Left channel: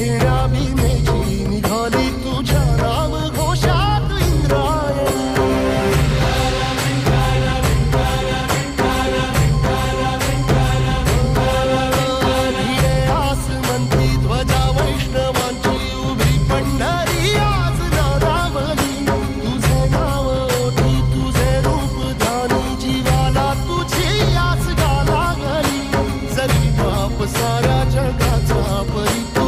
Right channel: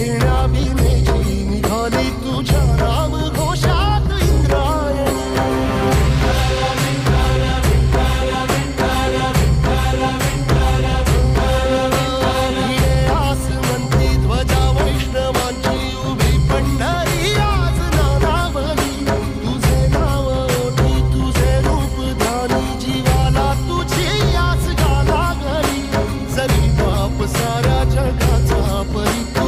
घेण्या भीमेची निघाली तुझ्या नाम घोषात इंद्रायणी. भिडे आसमंती ध्वजा वैष्णवांची उभी पंढरी आज नादावली. तुझे नाव ओठी तुझे रूप ध्यानी जीवाला तुझी आस गा लागली. जरी बाप साऱ्या जगाचा परित्याग